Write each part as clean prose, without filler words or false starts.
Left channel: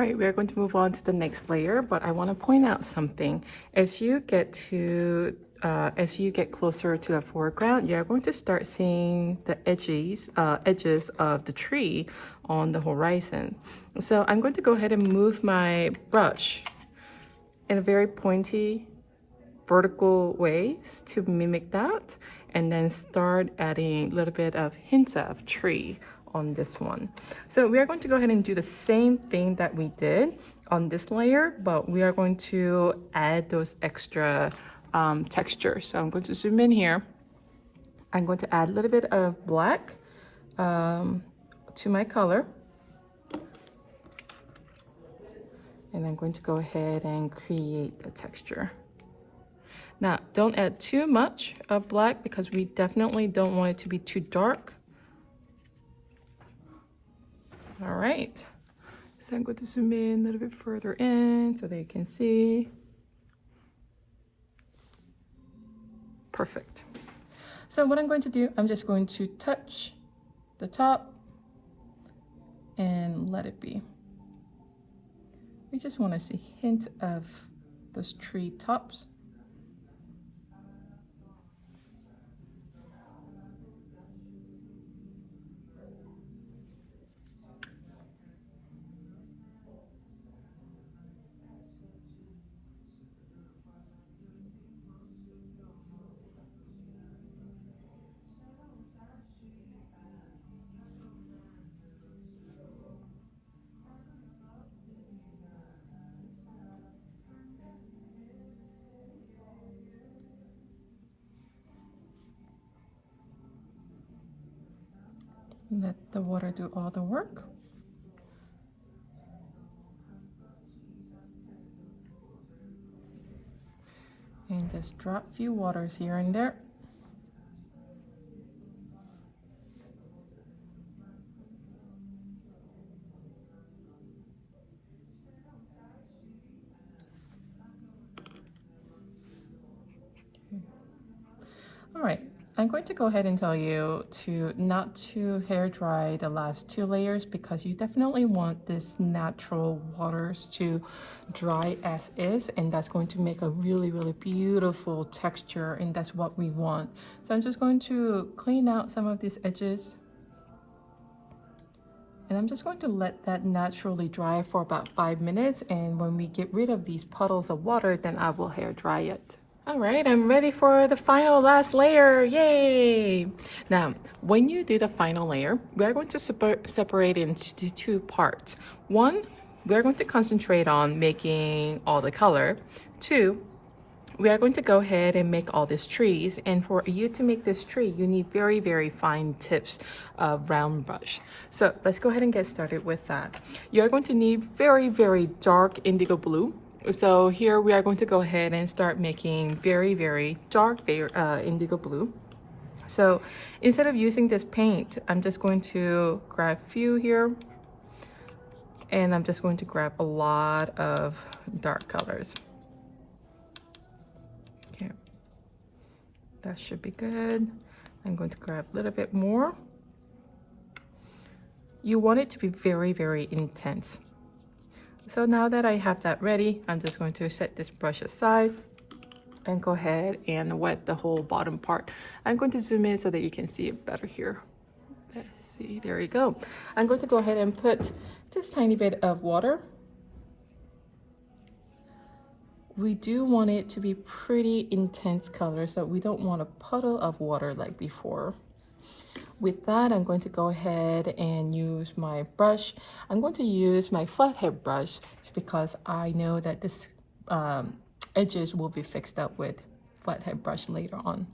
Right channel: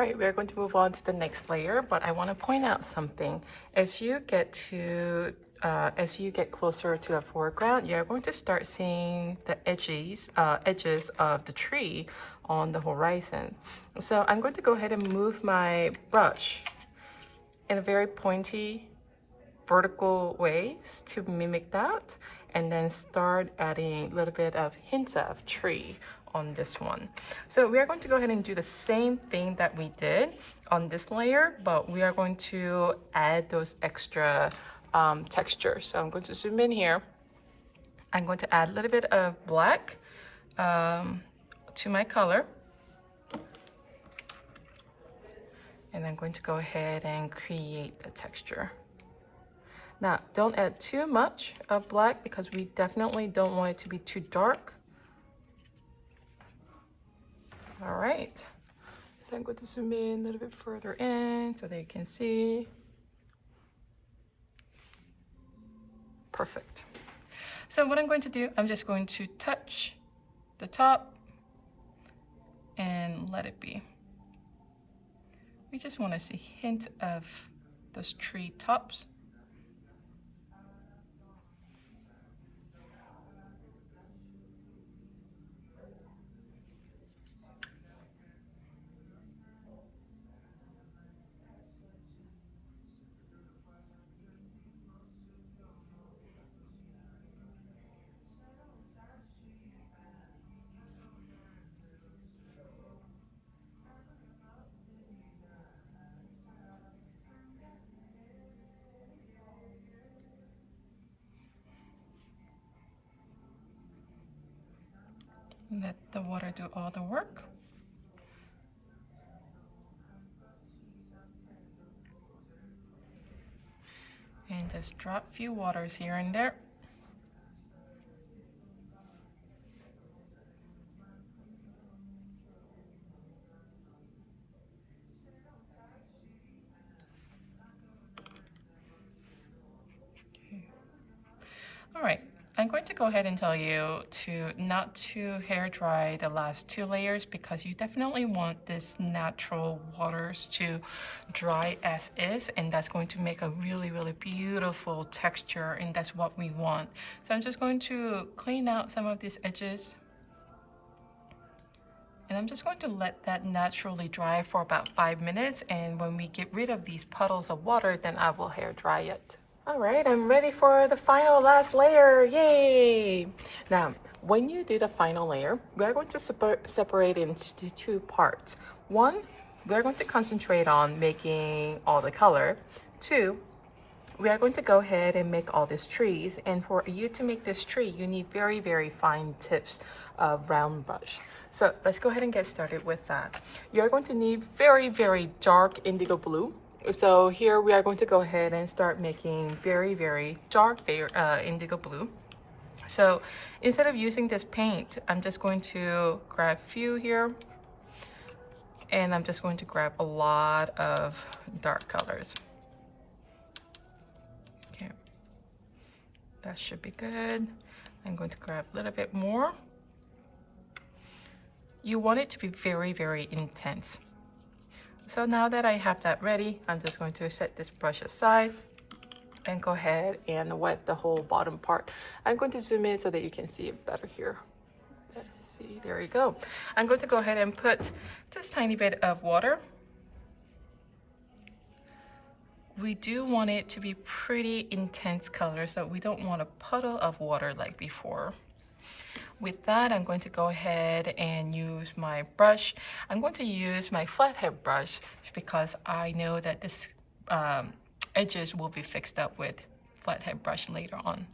right, we're going to move on to the next layer, but I want to point out something. As you get closer to the foreground, you're going to start seeing the edges of the tree on the horizon. So I'm going to go ahead and move my brush in a very pointy vertical ways to mimic that, and then start adding a little bit of hints of tree on this one. So we are going to go ahead and do the same thing that we did on this layer, but we are going to add those extra textures. So I'm going to zoom in here. I'm going to add a little bit of black to my color. And I'm going to go ahead and create the texture. Now, don't add too much of black because we definitely don't want it to be too dark. All right, so I'm going to zoom in a little bit further in so that you can see. Perfect. So what I'm going to do, I'm just going to touch the top and let it be. We just want to see a hint of those tree tops. Let the water do all the work. And just drop a few waters here and there. Okay. All right. I'm going to go ahead and tell you not to hair dry the last two layers because you definitely want this natural waters to dry as is, and that's going to make a really, really beautiful texture, and that's what we want. So I'm just going to clean out some of these edges, and I'm just going to let that naturally dry for about 5 minutes, and when we get rid of these puddles of water, then I will hair dry it. All right, I'm ready for the final last layer. Yay! Now, when you do the final layer, we're going to separate into two parts. One, we're going to concentrate on making all the color. Two, we are going to go ahead and make all these trees. And for you to make this tree, you need very, very fine tips of round brush. So let's go ahead and get started with that. You're going to need very, very dark indigo blue. So here we are going to go ahead and start making very, very dark indigo blue. So instead of using this paint, I'm just going to grab a few here, and I'm just going to grab a lot of dark colors. Okay, that should be good. I'm going to grab a little bit more. You want it to be very, very intense. So now that I have that ready, I'm just going to set this brush aside and go ahead and wet the whole bottom part. I'm going to zoom in so that you can see it better here. Let's see, there you go. I'm going to go ahead and put just a tiny bit of water. We do want it to be pretty intense color, so we don't want a puddle of water like before. With that, I'm going to go ahead and use my brush. I'm going to use my flathead brush because I know that this edges will be fixed up with flathead brush later on.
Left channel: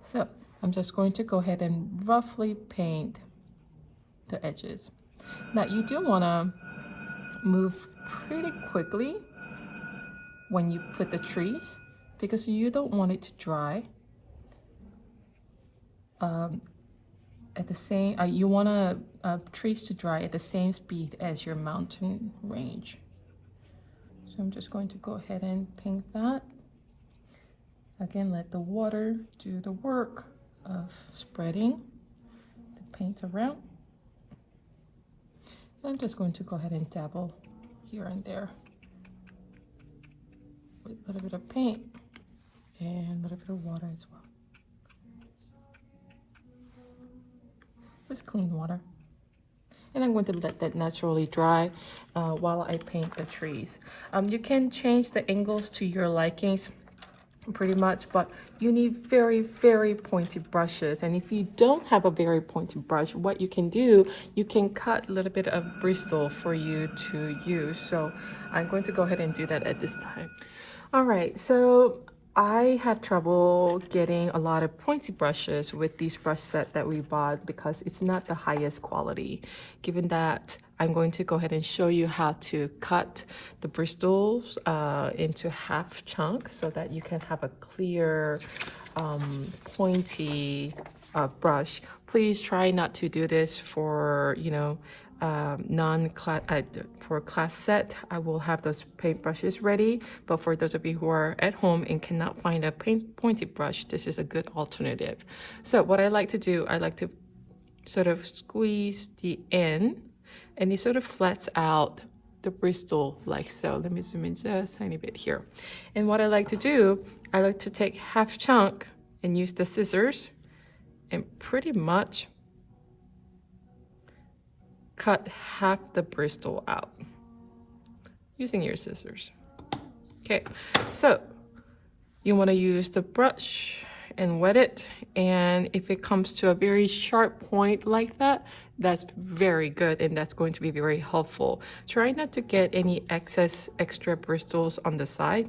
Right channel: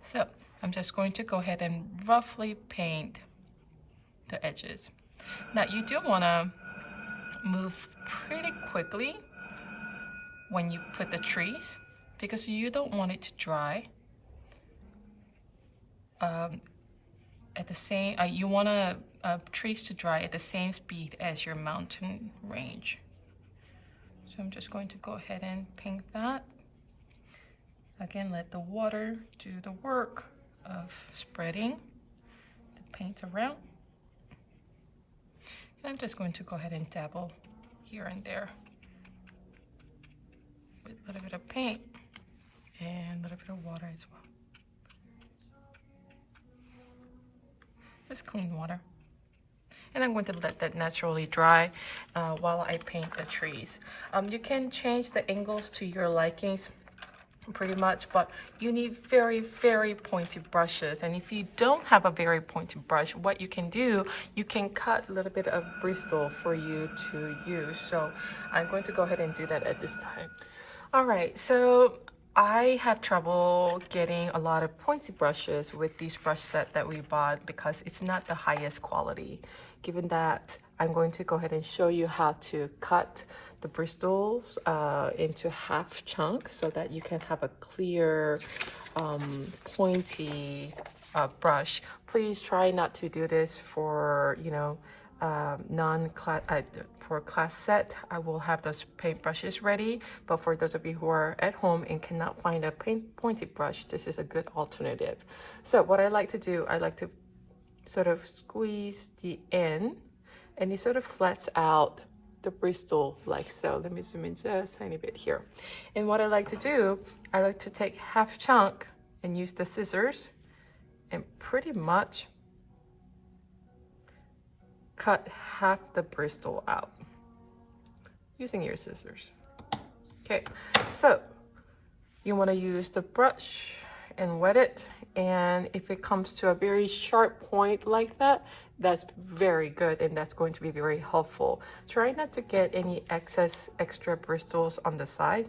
So I'm just going to go ahead and roughly paint the edges. Now you do want to move pretty quickly when you put the trees because you don't want it to dry. At the same, you want trees to dry at the same speed as your mountain range. So I'm just going to go ahead and paint that. Again, let the water do the work of spreading the paint around. And I'm just going to go ahead and dabble here and there with a little bit of paint and a little bit of water as well. Just clean water. And I'm going to let that naturally dry while I paint the trees. You can change the angles to your likings pretty much, but you need very, very pointy brushes. And if you don't have a very pointy brush, what you can do, you can cut a little bit of bristle for you to use. So I'm going to go ahead and do that at this time. All right, so I have trouble getting a lot of pointy brushes with these brush set that we bought because it's not the highest quality. Given that, I'm going to go ahead and show you how to cut the bristles into half chunks so that you can have a clear, pointy brush. Please try not to do this for, you know, non-class for class set. I will have those paint brushes ready, but for those of you who are at home and cannot find a pointy brush, this is a good alternative. So what I like to do, I like to sort of squeeze the end, and it sort of flats out the bristle like so. Let me zoom in just a tiny bit here. And what I like to do, I like to take half chunk and use the scissors and pretty much cut half the bristle out using your scissors. Okay, so you want to use the brush and wet it, and if it comes to a very sharp point like that, that's very good and that's going to be very helpful. Try not to get any excess extra bristles on the side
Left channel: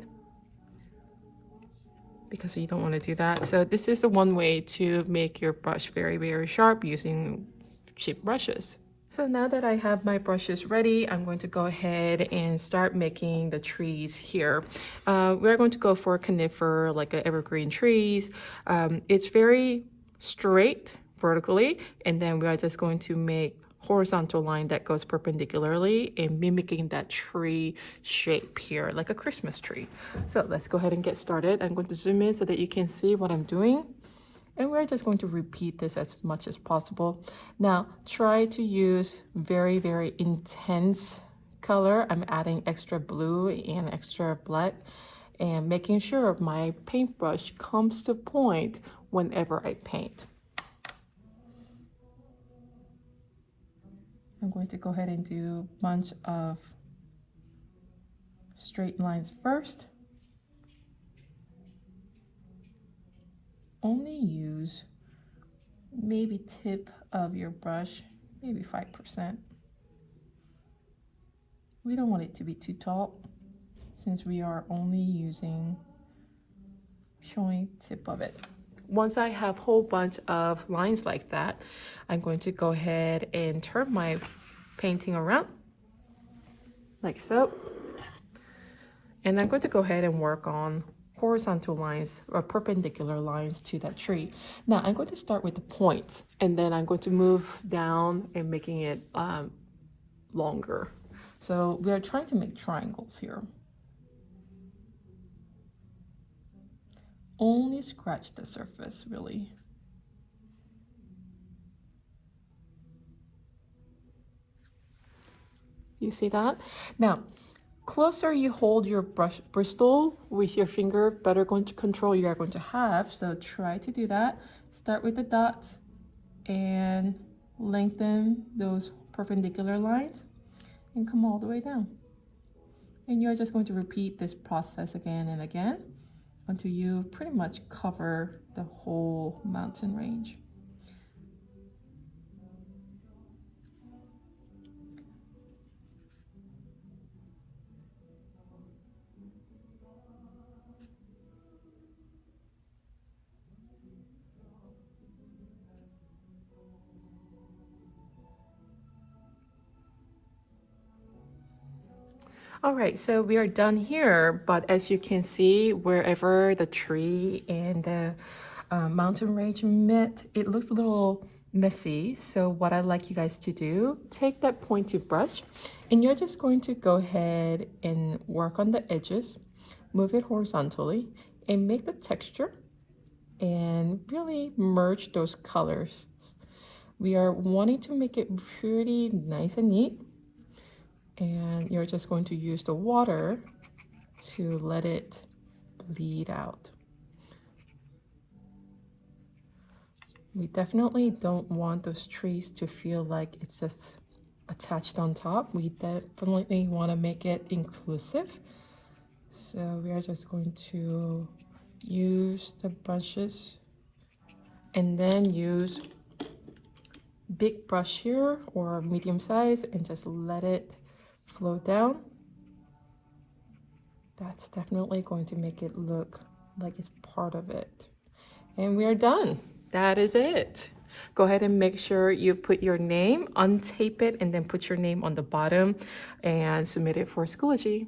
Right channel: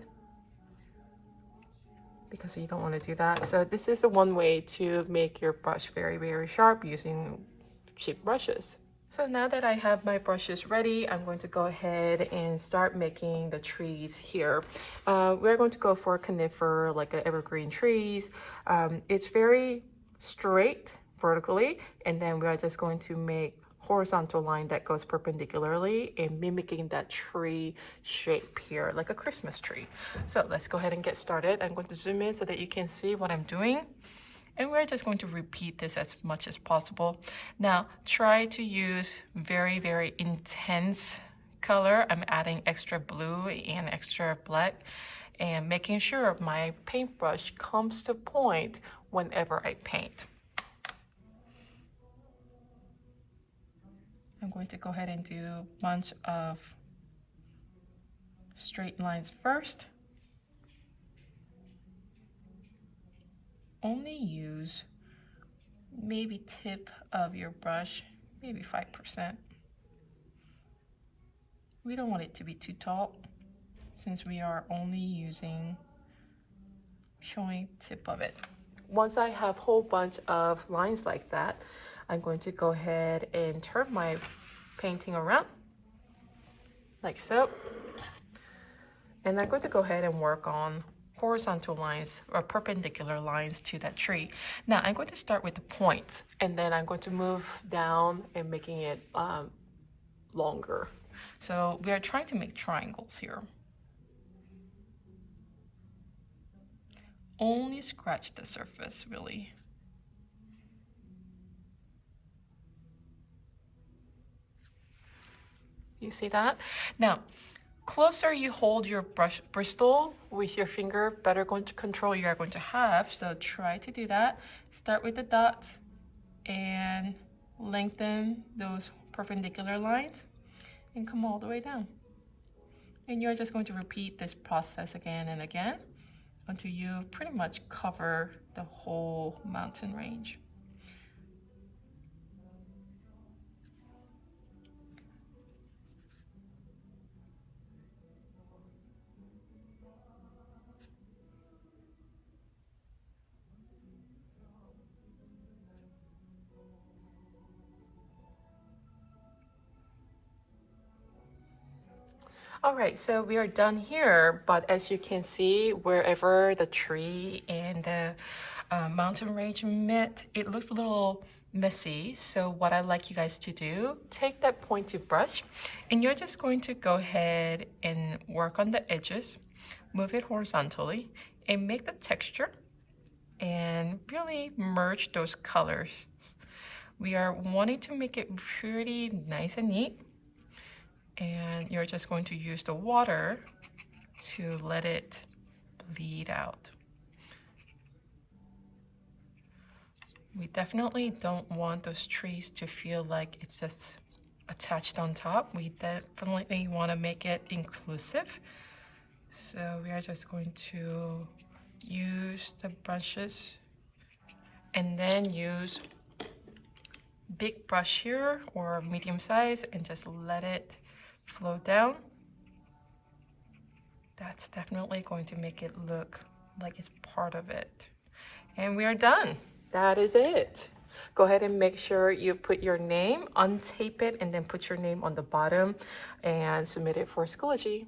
because you don't want to do that. So this is the one way to make your brush very, very sharp using cheap brushes. So now that I have my brushes ready, I'm going to go ahead and start making the trees here. We're going to go for a conifer, like an evergreen trees. It's very straight vertically, and then we are just going to make horizontal line that goes perpendicularly and mimicking that tree shape here, like a Christmas tree. So let's go ahead and get started. I'm going to zoom in so that you can see what I'm doing. And we're just going to repeat this as much as possible. Now, try to use very, very intense color. I'm adding extra blue and extra black and making sure my paintbrush comes to point whenever I paint. I'm going to go ahead and do a bunch of straight lines first. Only use maybe tip of your brush, maybe 5%. We don't want it to be too tall since we are only showing tip of it. Once I have a whole bunch of lines like that, I'm going to go ahead and turn my painting around like so. And I'm going to go ahead and work on horizontal lines or perpendicular lines to that tree. Now I'm going to start with the points, and then I'm going to move down and making it longer. So we are trying to make triangles here. Only scratch the surface, really. You see that? Now, closer you hold your brush bristle with your finger, better going to control you are going to have. So try to do that. Start with the dots and lengthen those perpendicular lines and come all the way down. And you're just going to repeat this process again and again until you pretty much cover the whole mountain range. All right, so we are done here, but as you can see, wherever the tree and the mountain range met, it looks a little messy. So what I'd like you guys to do, take that pointy brush and you're just going to go ahead and work on the edges, move it horizontally and make the texture and really merge those colors. We are wanting to make it pretty nice and neat. And you're just going to use the water to let it bleed out. We definitely don't want those trees to feel like it's just attached on top. We definitely want to make it inclusive. So we are just going to use the brushes and then use big brush here or medium size and just let it flow down. That's definitely going to make it look like it's part of it. And we are done. That is it. Go ahead and make sure you put your name, untape it, and then put your name on the bottom and submit it for Schoology.